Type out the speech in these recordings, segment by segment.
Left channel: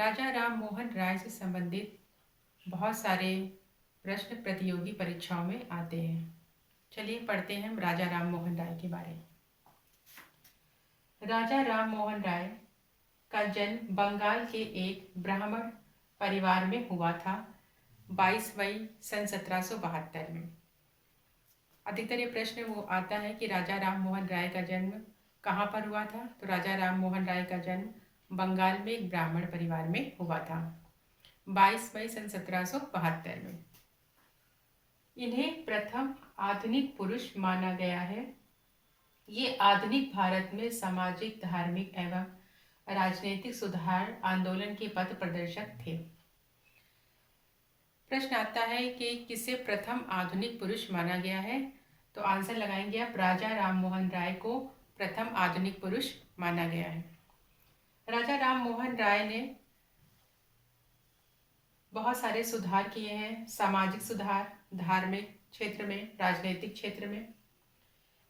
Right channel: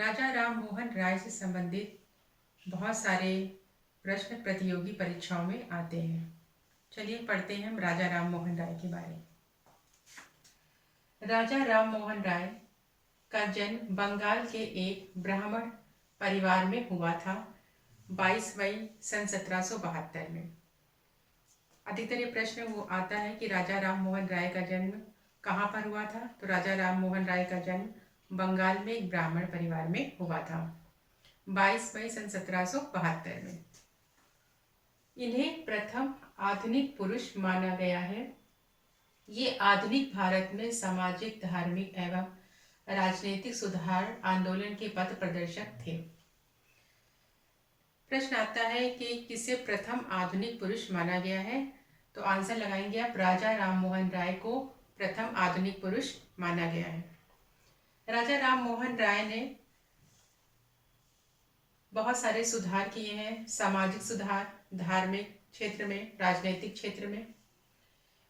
राजा राम मोहन राय से संबंधित बहुत सारे प्रश्न प्रतियोगी परीक्षाओं में आते हैं। चलिए पढ़ते हैं हम राजा राम मोहन राय के बारे में। राजा राम मोहन राय का जन्म बंगाल के एक ब्राह्मण परिवार में हुआ था 22 मई सन 1772 में। अधिकतर ये प्रश्न वो आता है कि राजा राम मोहन राय का जन्म कहाँ पर हुआ था। तो राजा राम मोहन राय का जन्म बंगाल में एक ब्राह्मण परिवार में हुआ था 22 मई सन 1772 में। इन्हें प्रथम आधुनिक पुरुष माना गया है। ये आधुनिक भारत में सामाजिक, धार्मिक एवं राजनीतिक सुधार आंदोलन के पथ प्रदर्शक थे। प्रश्न आता है कि किसे प्रथम आधुनिक पुरुष माना गया है। तो आंसर लगाएंगे आप, राजा राम मोहन राय को प्रथम आधुनिक पुरुष माना गया है। राजा राम मोहन राय ने बहुत सारे सुधार किए हैं, सामाजिक सुधार, धार्मिक क्षेत्र में, राजनीतिक क्षेत्र में।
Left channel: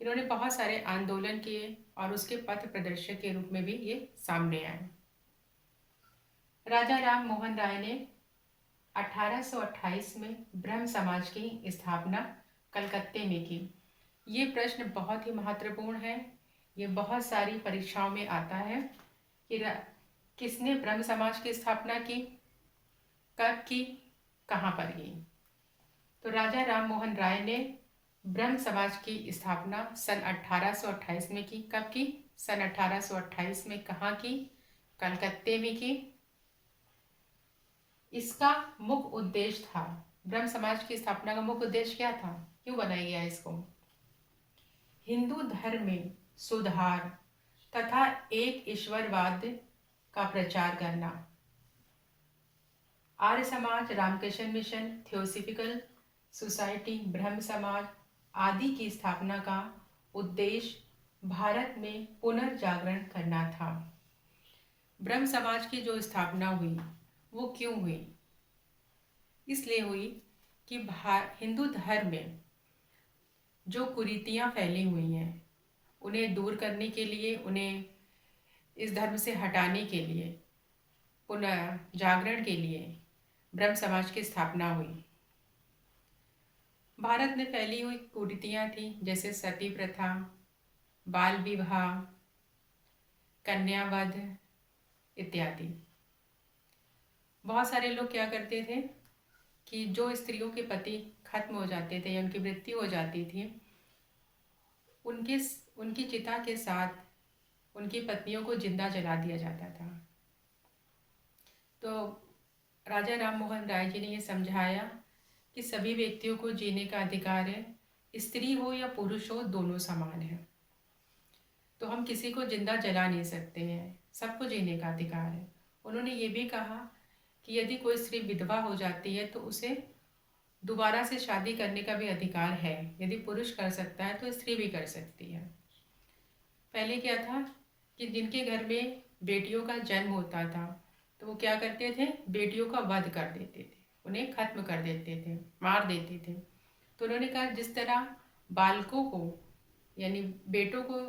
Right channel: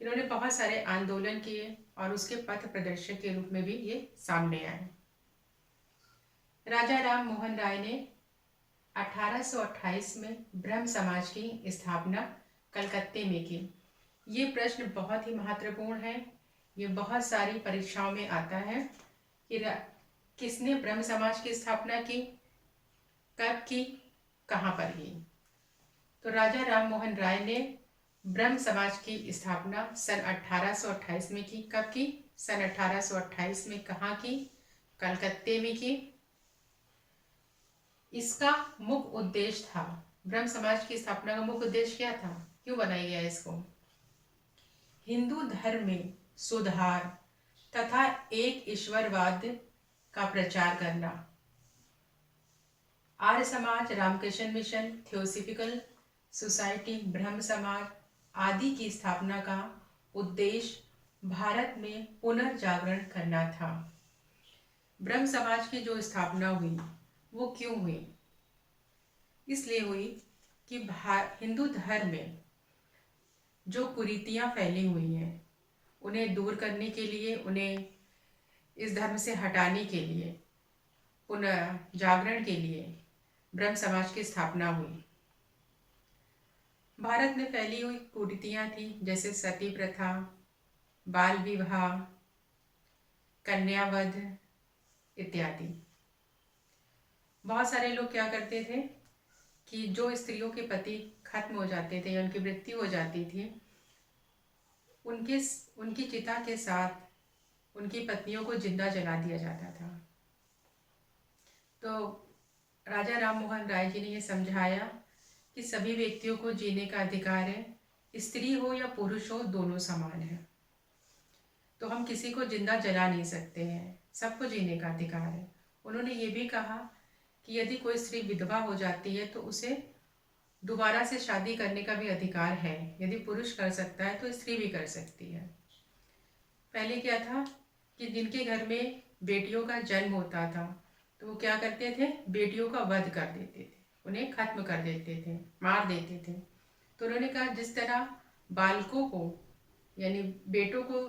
इन्होंने बहुत सारे आंदोलन किए और उसके पथ प्रदर्शक के रूप में भी ये सामने आए। राजा राम मोहन राय ने 1828 में ब्रह्म समाज की स्थापना कलकत्ते में की। ये प्रश्न बहुत ही महत्वपूर्ण है। ये बहुत सारी परीक्षाओं में आता है कि किसने ब्रह्म समाज की स्थापना की, कब की, कहाँ पर की। तो राजा राम मोहन राय ने ब्रह्म समाज की स्थापना सन 1828 में की। कब की? सन 1828 में। कहाँ की? कलकत्ते में की। इसका मुख्य उद्देश्य था, ब्रह्म समाज की स्थापना का मुख्य उद्देश्य क्या था, क्यों बनाया गया इसको? हिंदू धर्म में सुधार तथा एक ईश्वरवाद का प्रचार करना। Arya Samaj, Ramakrishna mission, theosophical society, ब्रह्म समाज आदि की स्थापना का उद्देश्य भारत में पुनर्जागरण करना था। ब्रह्म समाज की जो स्थापना हुई वो क्यों हुई? इसलिए हुई कि हिंदू धर्म में जो कुरीतियां फैली हुई हैं उन्हें दूर करने के लिए, उन्हें इस धर्म से हटाने के लिए, पुनः जागरण के लिए ब्रह्म समाज की स्थापना हुई। भारत में फैली हुई कुरीतियां थी, जैसे सती प्रथा, बाल विवाह, कन्यावध इत्यादि। बहुत सारे लोग क्या करते थे कि जो स्त्रियों के पति खत्म हो जाते थे या उनकी मृत्यु हो जाती थी, उनकी चिता के साथ उनकी पत्नियों को जिंदा जला दिया जाता था। तो राजा राम मोहन राय जी ने ये समझाया कि सभी व्यक्तियों को जीने का अधिकार है, स्त्री हो या पुरुष हो, दोनों समान है। तो हम किसी को जिंदा जला नहीं सकते हैं, सबको जीने का अधिकार है। उन्होंने ये भी कहा कि यदि कोई स्त्री विधवा हो जाती है तो उसे दोबारा से शादी करने का भी अधिकार है। यदि पुरुष कर सकता है तो स्त्री भी कर सकती है। पहले क्या था कि जिनके घर में बेटियों का जन्म होता था तो वो क्या करते थे, बेटियों का वध कर देते थे, उन्हें खत्म कर देते थे, मार देते थे। तो उन्होंने कहा जिस तरह बालकों को यानी बेटों को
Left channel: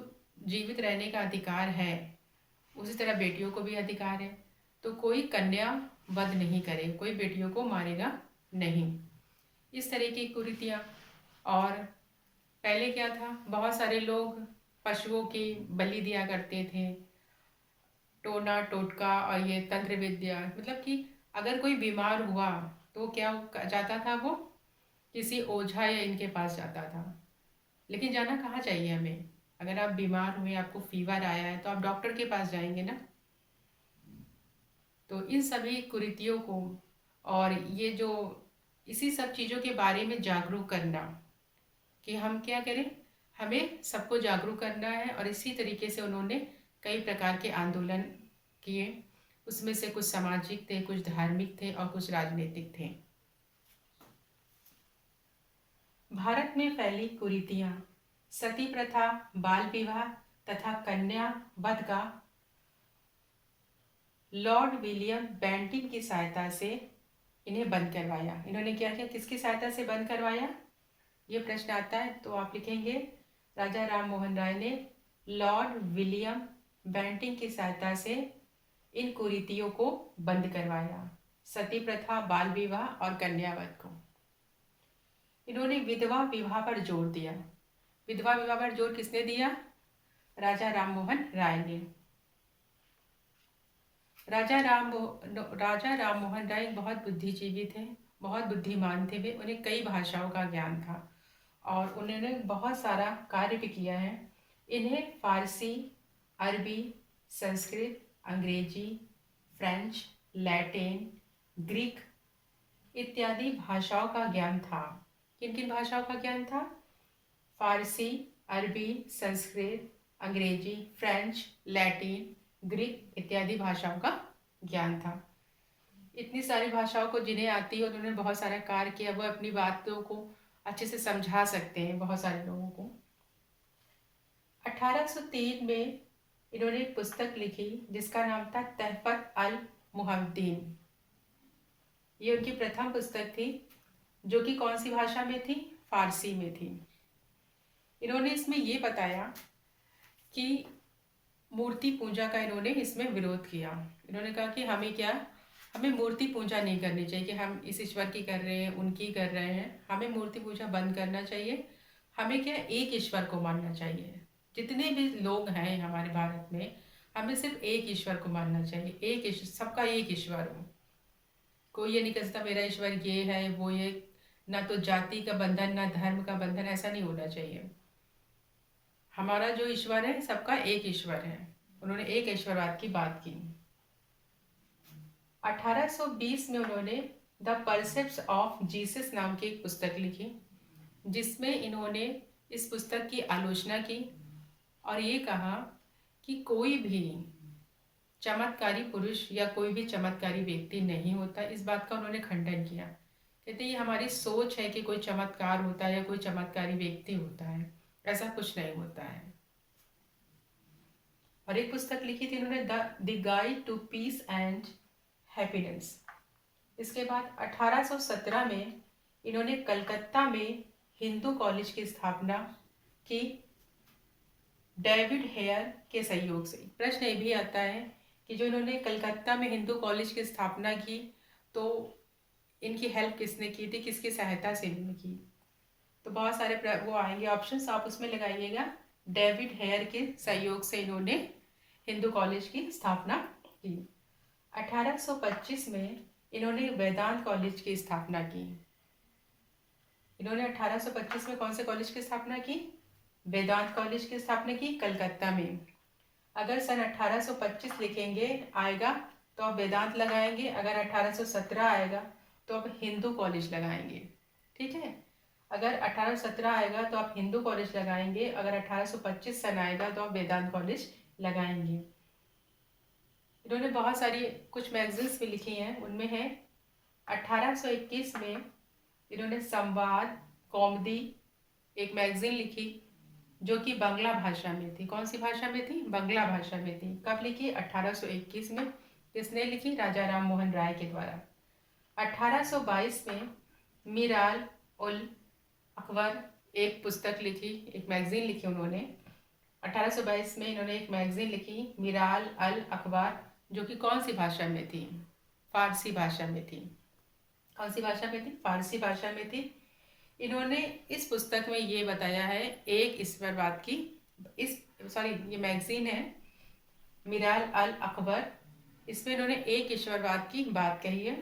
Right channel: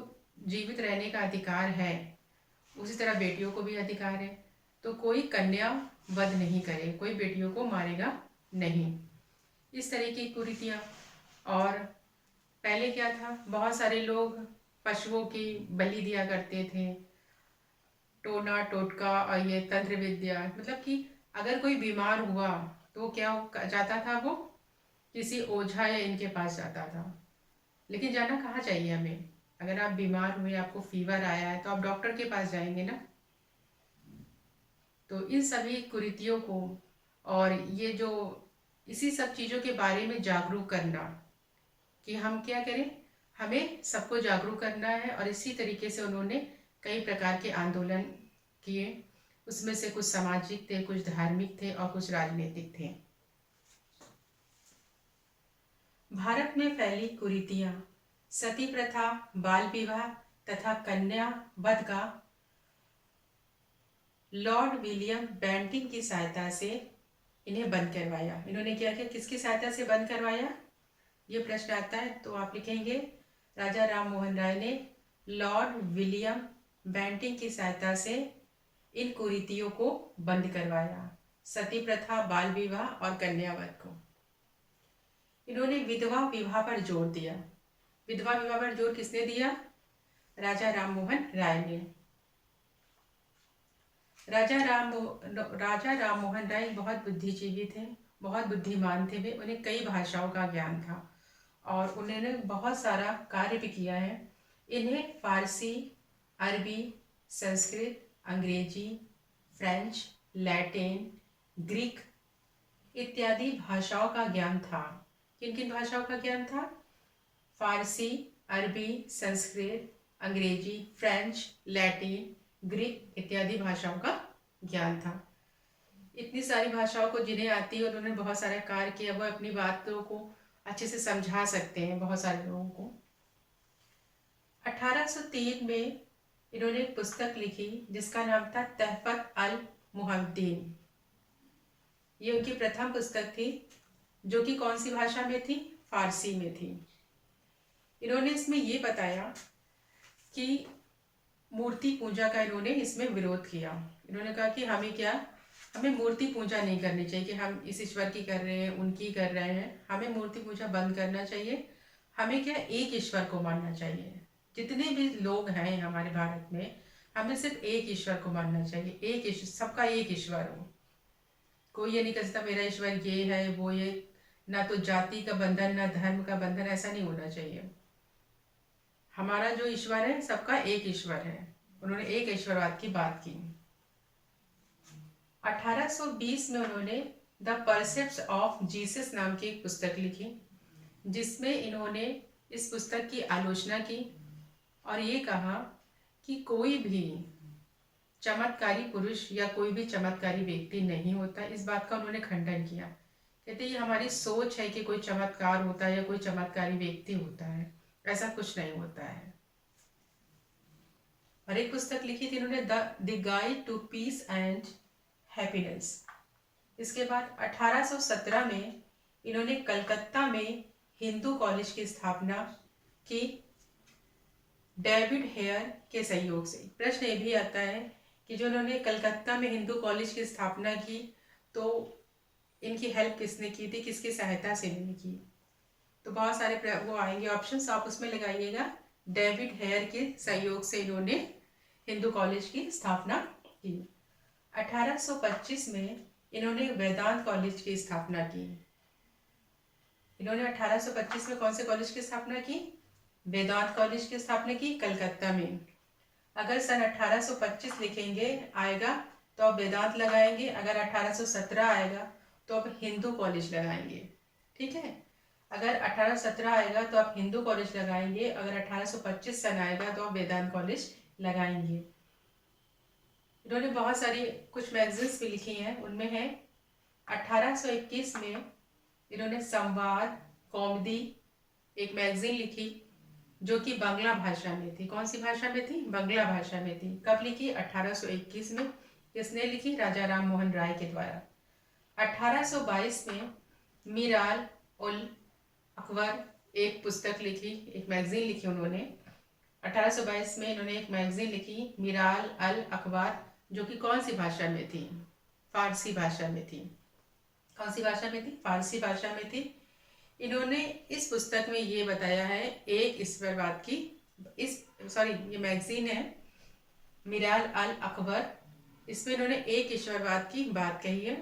जीवित रहने का अधिकार है, उसी तरह बेटियों को भी अधिकार है। तो कोई कन्या वध नहीं करे, कोई बेटियों को मारेगा नहीं। इस तरह की कुरीतियाँ। और पहले क्या था, बहुत सारे लोग पशुओं की बलि दिया करते थे, टोना टोटका और ये तंत्र विद्या, मतलब कि अगर कोई बीमार हुआ तो क्या जाता था, वो किसी ओझा या इनके पास जाता था। लेकिन जाना कहाँ चाहिए हमें? अगर आप बीमार हुए, आपको फीवर आया है तो आप डॉक्टर के पास जाएंगे ना। तो इन सभी कुरीतियों को और ये जो इसी सब चीज़ों के बारे में जागरूक करना कि हम क्या करें, हमें सबको जागरूक करना है। और इसी तरीके से उन्होंने कई प्रकार के आंदोलन किए। उसमें से कुछ सामाजिक थे, कुछ धार्मिक थे और कुछ राजनीतिक थे। भारत में फैली कुरीतियां, सती प्रथा, बाल विवाह तथा कन्या वध का लॉर्ड विलियम बेंटिक की सहायता से इन्हें बंद करवाया। इन्होंने क्या किया, किसकी सहायता से बंद करवाया, ये प्रश्न आता है। तो आप लिखेंगे राजा राम मोहन राय ने लॉर्ड विलियम बेंटिक की सहायता से इन कुरीतियों को बंद करवाया, सती प्रथा, बाल विवाह और कन्यावध को। इन्होंने विधवा विवाह पर जोर दिया। विधवा विवाह पर जोर किसने दिया? राजा राममोहन राय ने। राजा राममोहन राय बहुत बुद्धिजीवी थे, बहुत बुद्धिमान थे वे। उन्हें कई भाषाओं का ज्ञान था और उन्होंने बहुत सारा कार्य भी किया है। इन्हें फारसी, अरबी, संस्कृत, अंग्रेजी, फ्रेंच, लैटिन, ग्रीक इत्यादि भाषाओं का ज्ञान था। किन किन भाषाओं का ज्ञान था? फारसी, अरबी, संस्कृत, अंग्रेजी, फ्रेंच, लैटिन, ग्रीक इत्यादि भाषाओं का ज्ञान था। इतनी सारी भाषाओं को जिन्हें आती है और उन्होंने बहुत सारा कार्य किया, वो अपनी बातों को अच्छे से समझा सकते हैं बहुत सारे लोगों को। 1803 में इन्होंने एक पुस्तक लिखी जिसका नाम था तहफत अल मुहद्दीन। ये उनकी प्रथम पुस्तक थी जो कि कौन सी भाषा में थी? फारसी में थी। इन्होंने इसमें ये बताया कि मूर्ति पूजा का इन्होंने इसमें विरोध किया। इन्होंने कहा कि हमें मूर्ति पूजा नहीं करनी चाहिए कि हम इस ईश्वर की कर रहे हैं, उनकी कर रहे हैं। हमें मूर्ति पूजा बंद करना चाहिए। हमें क्या, एक ईश्वर को मानना चाहिए। जितने भी लोग हैं हमारे भारत में, हमें सिर्फ एक ईश्वर को मानना चाहिए। एक ईश्वर, सबका एक ईश्वर हो। कोई ये नहीं कर सकता मेरा ईश्वर ये है वो ये। ना तो जाति का बंधन, ना धर्म का बंधन, ऐसा नहीं होना चाहिए। हमारा जो ईश्वर है सबका एक ईश्वर है। उन्होंने एक ईश्वरवाद की बात की। 1820 में उन्होंने द परसेप्ट्स ऑफ जीसस नाम की एक पुस्तक लिखी जिसमें इन्होंने इस पुस्तक की आलोचना की और ये कहा कि कोई भी चमत्कारी पुरुष या कोई भी चमत्कारी व्यक्ति नहीं होता। इस बात का उन्होंने खंडन किया। कहते ये हमारी सोच है कि कोई चमत्कार होता है या कोई चमत्कारी व्यक्ति होता है, ऐसा कुछ नहीं होता है। और एक पुस्तक लिखी थी इन्होंने the guide to peace and happiness. इसके बाद 1817 में इन्होंने कलकत्ता में हिंदू कॉलेज की स्थापना की डेविड हेयर के सहयोग से। प्रश्न ये भी आता है कि जो इन्होंने कलकत्ता में हिंदू कॉलेज की स्थापना की तो इनकी हेल्प किसने की थी, किसकी सहायता से इन्होंने की? तो बहुत सारे वो आएंगे ऑप्शंस, आप उसमें लगाइएगा। डेविड हेयर के सहयोग से इन्होंने हिंदू कॉलेज की स्थापना की। 1825 में इन्होंने वेदांत कॉलेज की स्थापना की। इन्होंने 1825 में कौन से कॉलेज की स्थापना की? वेदांत कॉलेज की स्थापना की कलकत्ता में। अगर सन 1825 लिखेंगे आएगा तो आप वेदांत लगाएंगे, अगर 1817 आएगा तो आप हिंदू कॉलेज लगाएंगे। ठीक है, अगर 1817 आएगा तो आप हिंदू कॉलेज लगाएंगे, अगर 1825 सन आएगा तो आप वेदांत कॉलेज लगाएंगे। इन्होंने बहुत सारी कुछ मैगजीन्स भी लिखी हैं, उनमें है 1821 में इन्होंने संवाद कौमुदी एक मैगजीन लिखी जो कि बांग्ला भाषा में थी। कौन सी भाषा में थी? बांग्ला भाषा में थी। कब लिखी? 1821 में। किसने लिखी? राजा राम मोहन राय के द्वारा। 1822 में मीराल उल अकबर एक पुस्तक लिखी, एक मैगजीन लिखी उन्होंने। 1822 में इन्होंने एक मैगजीन लिखी मीराल अल अकबर, जो कि कौन सी भाषा में थी? फारसी भाषा में थी। कौन सी भाषा में थी? फारसी भाषा में थी। इन्होंने इस पुस्तक में ये बताया है एक ईश्वरवाद की, ये मैगजीन है मीराल अल अकबर, इसमें इन्होंने एक ईश्वरवाद की बात कही है।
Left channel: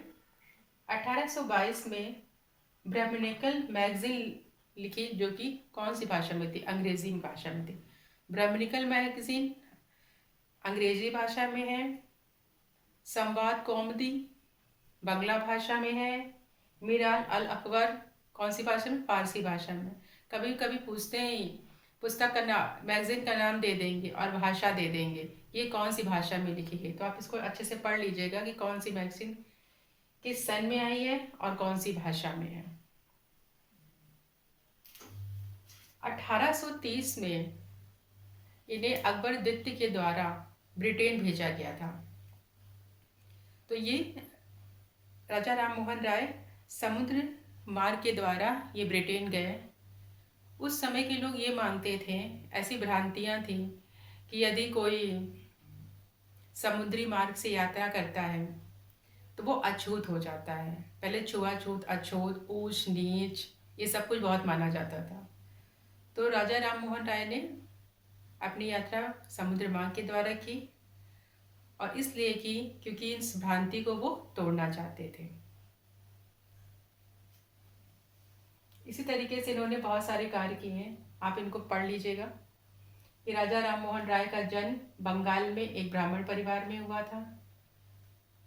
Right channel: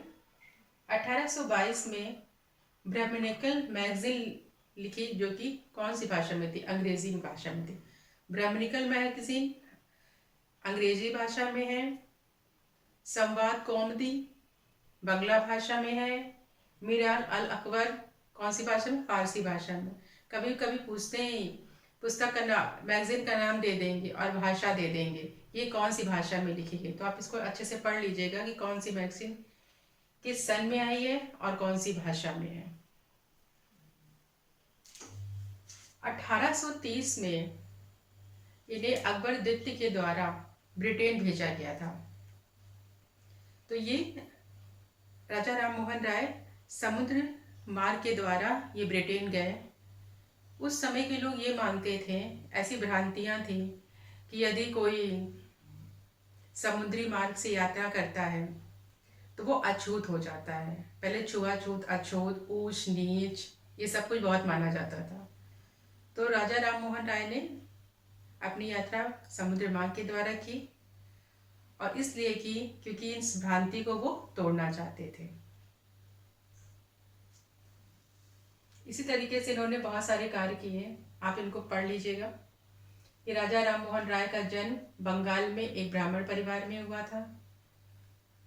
1822 में ब्राह्मणिकल मैगजीन लिखी जो कि कौन सी भाषा में थी? अंग्रेजी भाषा में थी। ब्राह्मणिकल मैगजीन अंग्रेजी भाषा में है। संवाद कौमुदी बांग्ला भाषा में है। मीराल अल अकबर कौन सी भाषा में? फारसी भाषा में। कभी कभी पूछते हैं पुस्तक का नाम, मैगजीन का नाम दे देंगे और भाषा दे देंगे, ये कौन सी भाषा में लिखी गई, तो आप इसको अच्छे से पढ़ लीजिएगा कि कौन सी मैगजीन किस सन में आई है और कौन सी भाषा में है। 1830 में इन्हें अकबर द्वितीय के द्वारा ब्रिटेन भेजा गया था। तो ये राजा राम मोहन राय समुद्र मार्ग के द्वारा ये ब्रिटेन गए। उस समय के लोग ये मानते थे, ऐसी भ्रांतियां थी कि यदि कोई समुद्री मार्ग से यात्रा करता है तो वो अछूत हो जाता है। पहले छुआछूत, अछूत, ऊंच नीच ये सब कुछ बहुत माना जाता था। तो राजा राम मोहन राय ने अपनी यात्रा समुद्र मार्ग के द्वारा की, और इसलिए की क्योंकि इस भ्रांति को वो तोड़ना चाहते थे। इसी तरीके से इन्होंने बहुत सारे कार्य किए, आप इनको पढ़ लीजिएगा कि राजा राम मोहन राय का जन्म बंगाल में एक ब्राह्मण परिवार में हुआ था,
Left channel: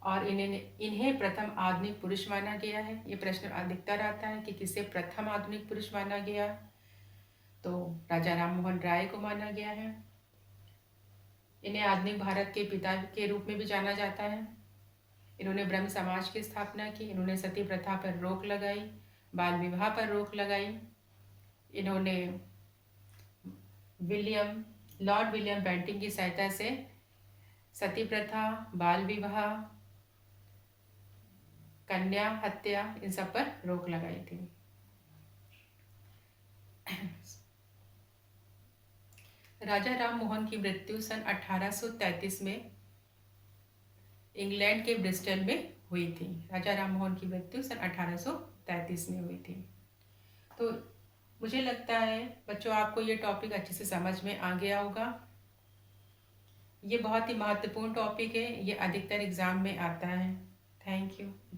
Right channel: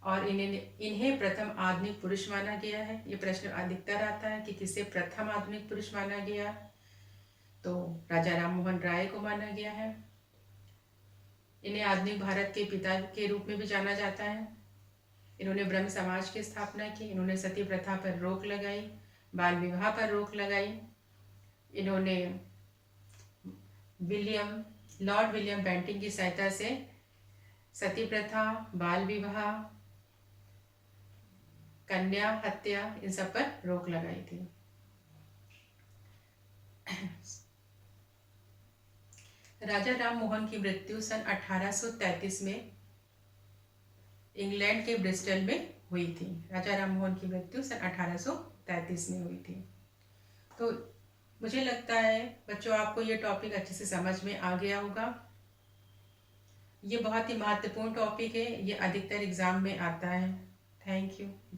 और इन्हें प्रथम आधुनिक पुरुष माना गया है। ये प्रश्न अधिकतर आता है कि किसे प्रथम आधुनिक पुरुष माना गया, तो राजा राम मोहन राय को माना गया है। इन्हें आधुनिक भारत के पिता के रूप में भी जाना जाता है। इन्होंने ब्रह्म समाज की स्थापना की, इन्होंने सती प्रथा पर रोक लगाई, बाल विवाह पर रोक लगाई। इन्होंने लॉर्ड विलियम बेंटिंक की सहायता से सती प्रथा, बाल विवाह, कन्या हत्या, इन सब पर रोक लगाई थी। राजा राम मोहन की मृत्यु सन 1833 में इंग्लैंड के ब्रिस्टल में हुई थी। राजा राम मोहन की मृत्यु सन 1833 में हुई थी। तो मुझे लगता है बच्चों आपको ये टॉपिक अच्छे से समझ में आ गया होगा। ये बहुत ही महत्वपूर्ण टॉपिक है, ये अधिकतर एग्जाम में आता है। Thank you.